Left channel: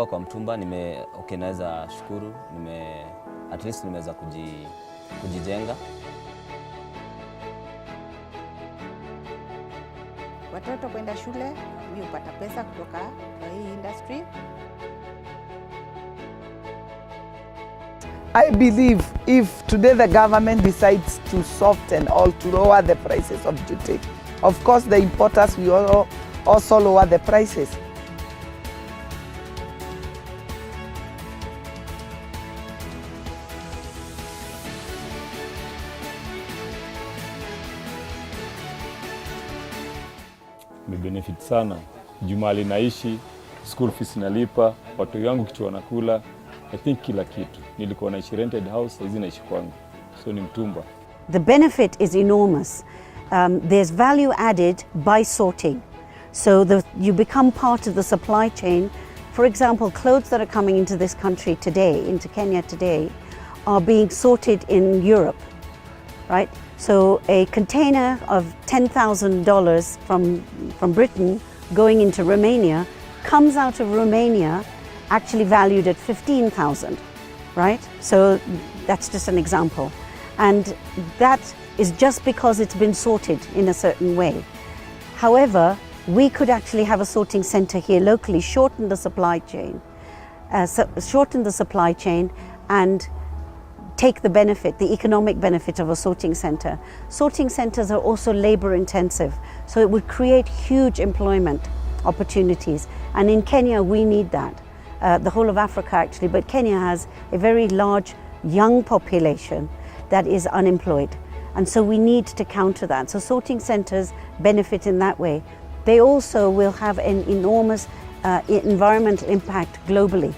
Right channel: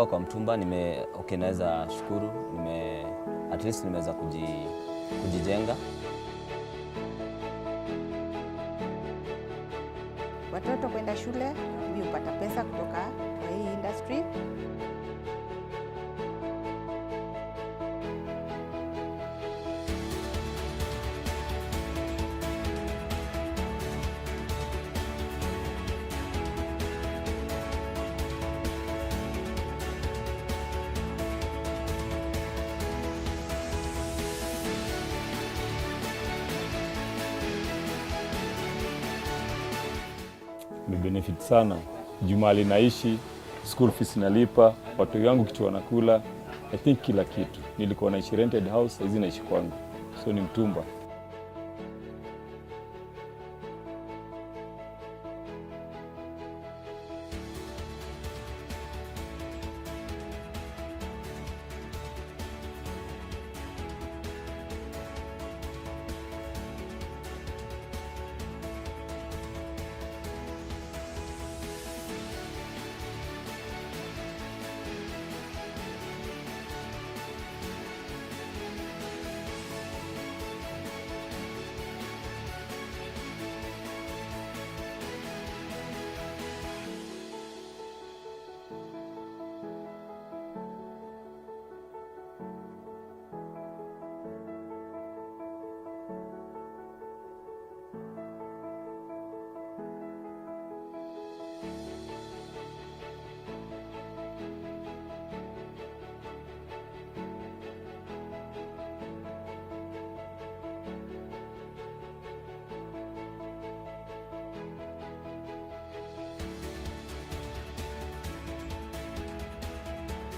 kutoka kwa mtumba naweza shukuru, at least nimeweza kujijenga. Watoto kwenda shule, mimi hupata pesa kutoka kwa hii industry. I believe if today the government decides to soften or to lower the prices of jute, of course the importers will also lower the prices. Benefit sana. Jumali naishi, school fees nalipa, watu wangu kitu wanakula, I think kila kitu. Nilikuwa naishi rented house, hizi naishi kwangu. So ni mtumba. The benefit is enormous. There's value added by sorting. So you become part of the supply chain. For example, clothes that are coming into this country today, into Kenya today, are being sorted in Europe, right? So a container of $10,000 from Britain going into Romania comes out of Romania actually valued at $15,000, right? So that's just an example. And that is just because it's been sorted in a certain way. However, we could actually have a sorting center here locally, shorten the supply chain and take the benefit, the economic benefit of a sorting center. Sorting centers are also labor intensive, so it would create huge employment opportunities. And in Kenya, we need that. The whole of Africa actually, but Kenya has a very large young population that is unemployed. And so we need to counter that. So sorting centers benefit in that way. They also will have an enormous environmental impact globally.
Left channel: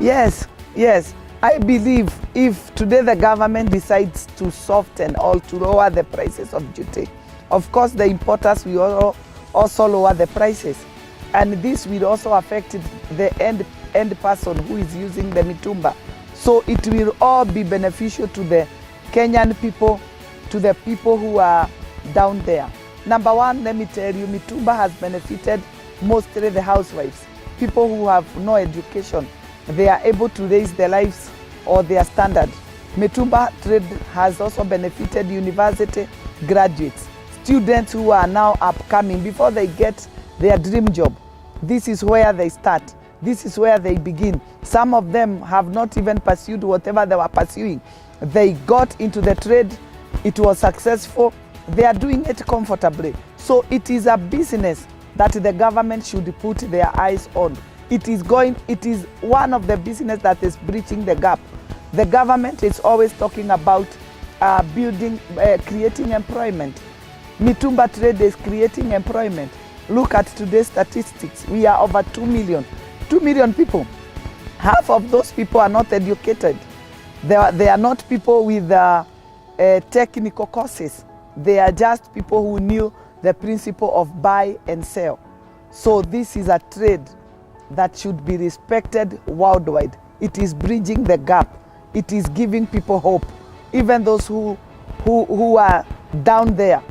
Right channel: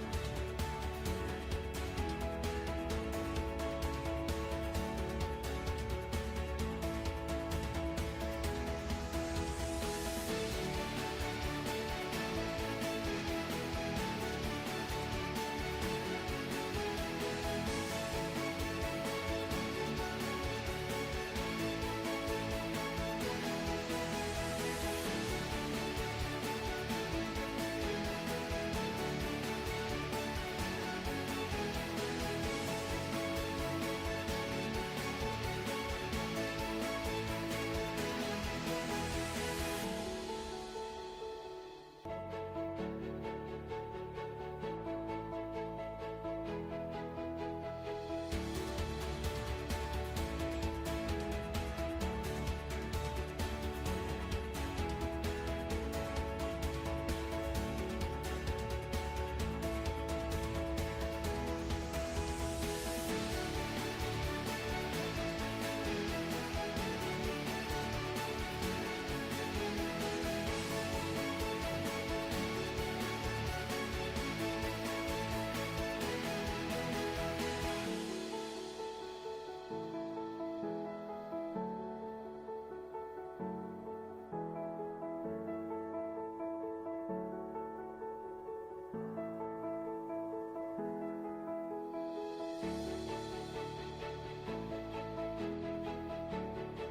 Yes, yes. I believe if today the government decides to soften or to lower the prices of jute, of course the importers will also lower the prices. And this will also affect the end person who is using the mitumba. So it will all be beneficial to the Kenyan people, to the people who are down there. Number one, let me tell you, mitumba has benefited mostly the housewives, people who have no education. They are able to raise their lives or their standard. Mitumba trade has also benefited university graduates, students who are now upcoming. Before they get their dream job, this is where they start. This is where they begin. Some of them have not even pursued whatever they were pursuing. They got into the trade, it was successful, they are doing it comfortably. So it is a business that the government should put their eyes on. It is one of the business that is breaching the gap. The government is always talking about creating employment. Mitumba trade is creating employment. Look at today's statistics. We are over 2 million. 2 million people. Half of those people are not educated. They are not people with technical courses. They are just people who knew the principle of buy and sell. So this is a trade that should be respected worldwide. It is bridging the gap. It is giving people hope. Even those who are down there,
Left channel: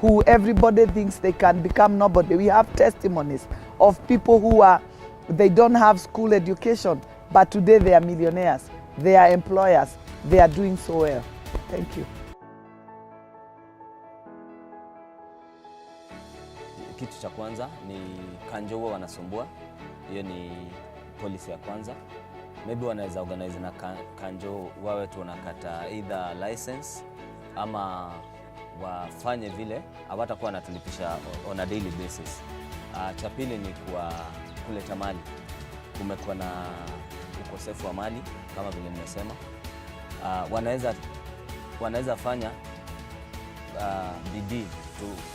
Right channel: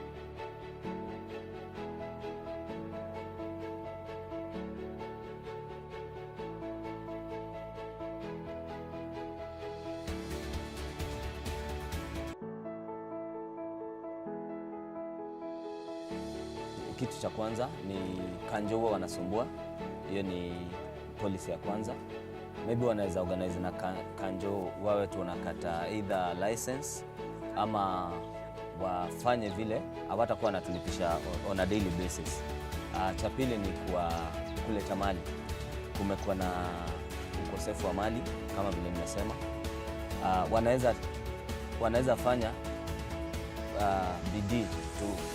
who everybody thinks they can become nobody. We have testimonies of people they don't have school education, but today they are millionaires. They are employers. They are doing so well. Thank you. Kitu cha kwanza ni kanjo huwa wanasumbua. Hiyo ni policy ya kwanza. Maybe wanaweza organize na kanjo wawe tu wanakata either license ama wafanye vile hawatakuwa wanatulipisha on a daily basis. Cha pili ni kuleta mali. Kumekuwa na ukosefu wa mali kama vile nimesema. Wanaweza fanya bidii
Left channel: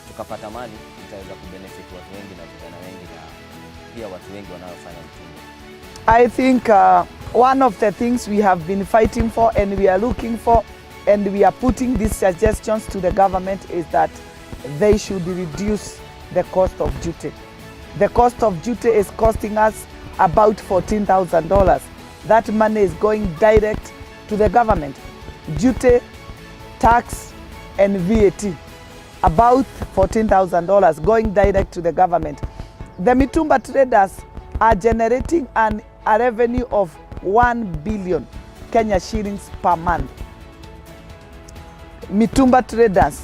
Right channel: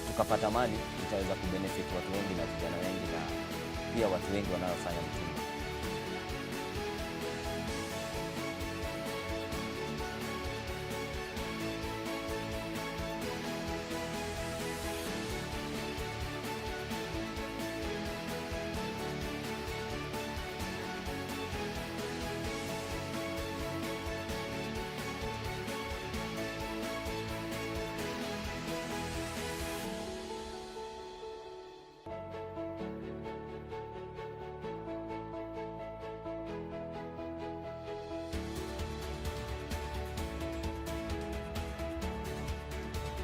tukapata mali, itaweza kubenefit watu wengi na vijana wengi na pia watu wengi wanaofanya mtumba. I think one of the things we have been fighting for and we are looking for and we are putting these suggestions to the government is that they should reduce the cost of jute. The cost of jute is costing us about $14,000. That money is going direct to the government. Jute, tax and VAT, about $14,000 going direct to the government. The mitumba traders are generating an a revenue of 1 billion Kenya shillings per month. Mitumba traders,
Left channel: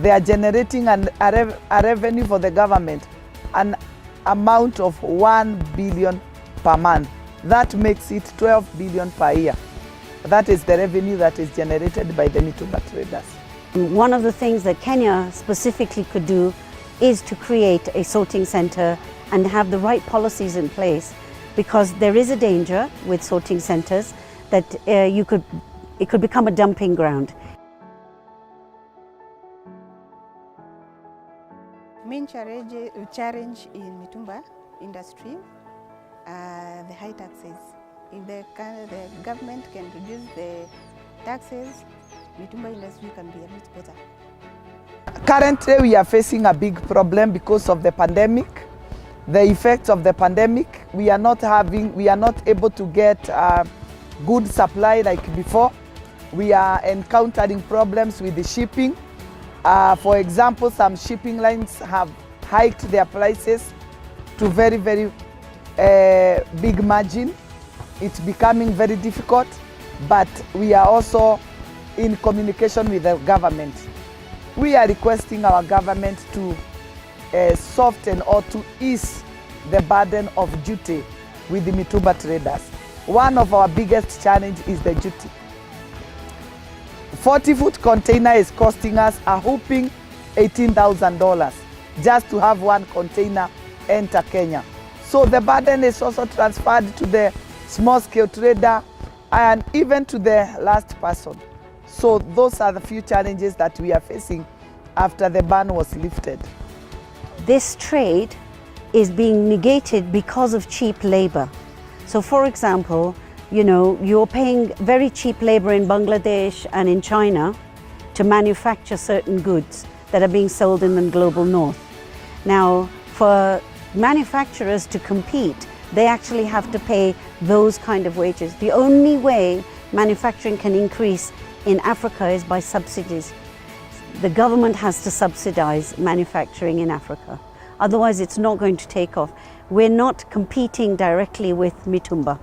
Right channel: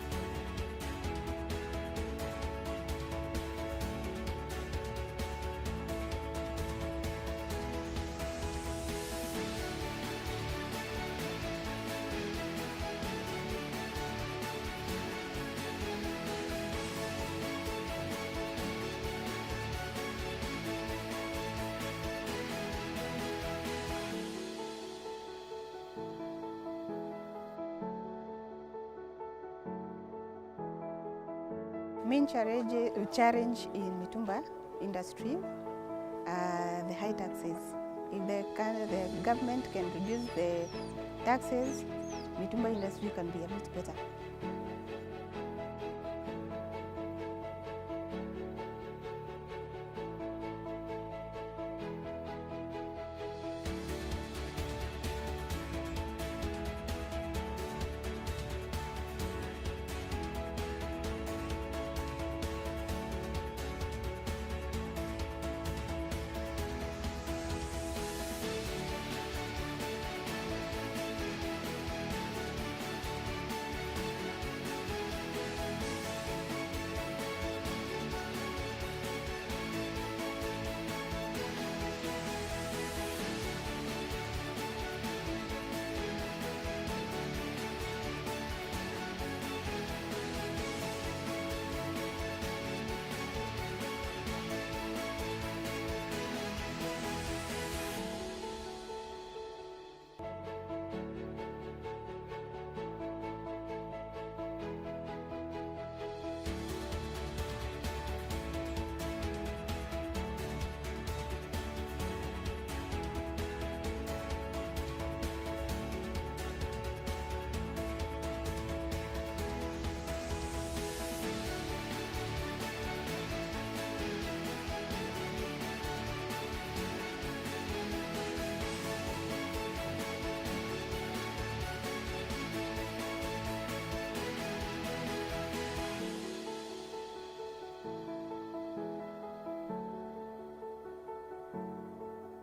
they are generating a revenue for the government, an amount of 1 billion per month. That makes it 12 billion per year. That is the revenue that is generated by the Mitumba traders. One of the things that Kenya specifically could do is to create a sorting centre and have the right policies in place, because there is a danger with sorting centres that it could become a dumping ground. Main challenge in Mitumba industry are the high taxes. If the government can reduce the taxes, Mitumba industry can be a bit better. Currently, we are facing a big problem because of the pandemic. The effects of the pandemic, we are not able to get good supply like before. We are encountering problems with the shipping. For example, some shipping lines have hiked their prices to very, very big margin. It's becoming very difficult, but we are also in communication with the government. We are requesting our government to soften or to ease the burden of duty with the Mitumba traders. One of our biggest challenges is the duty. 40-foot container is costing us a whopping $18,000 just to have one container enter Kenya. So the burden is also transferred to the small-scale trader and even to the last person. So those are the few challenges that we are facing after the ban was lifted. This trade is being negated because of cheap labor. So for example, you know, you're paying very cheap labor in Bangladesh and in China to manufacture certain goods that are being sold in the global north. Now, for manufacturers to compete, they actually have to pay those kind of wages. The only way manufacturing can increase in Africa is by subsidies. The government has to subsidize manufacturing in Africa. Otherwise, it's not going to take off. We're not competing directly with Mitumba.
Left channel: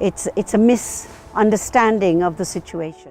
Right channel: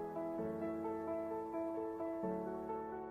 It's a misunderstanding of the situation.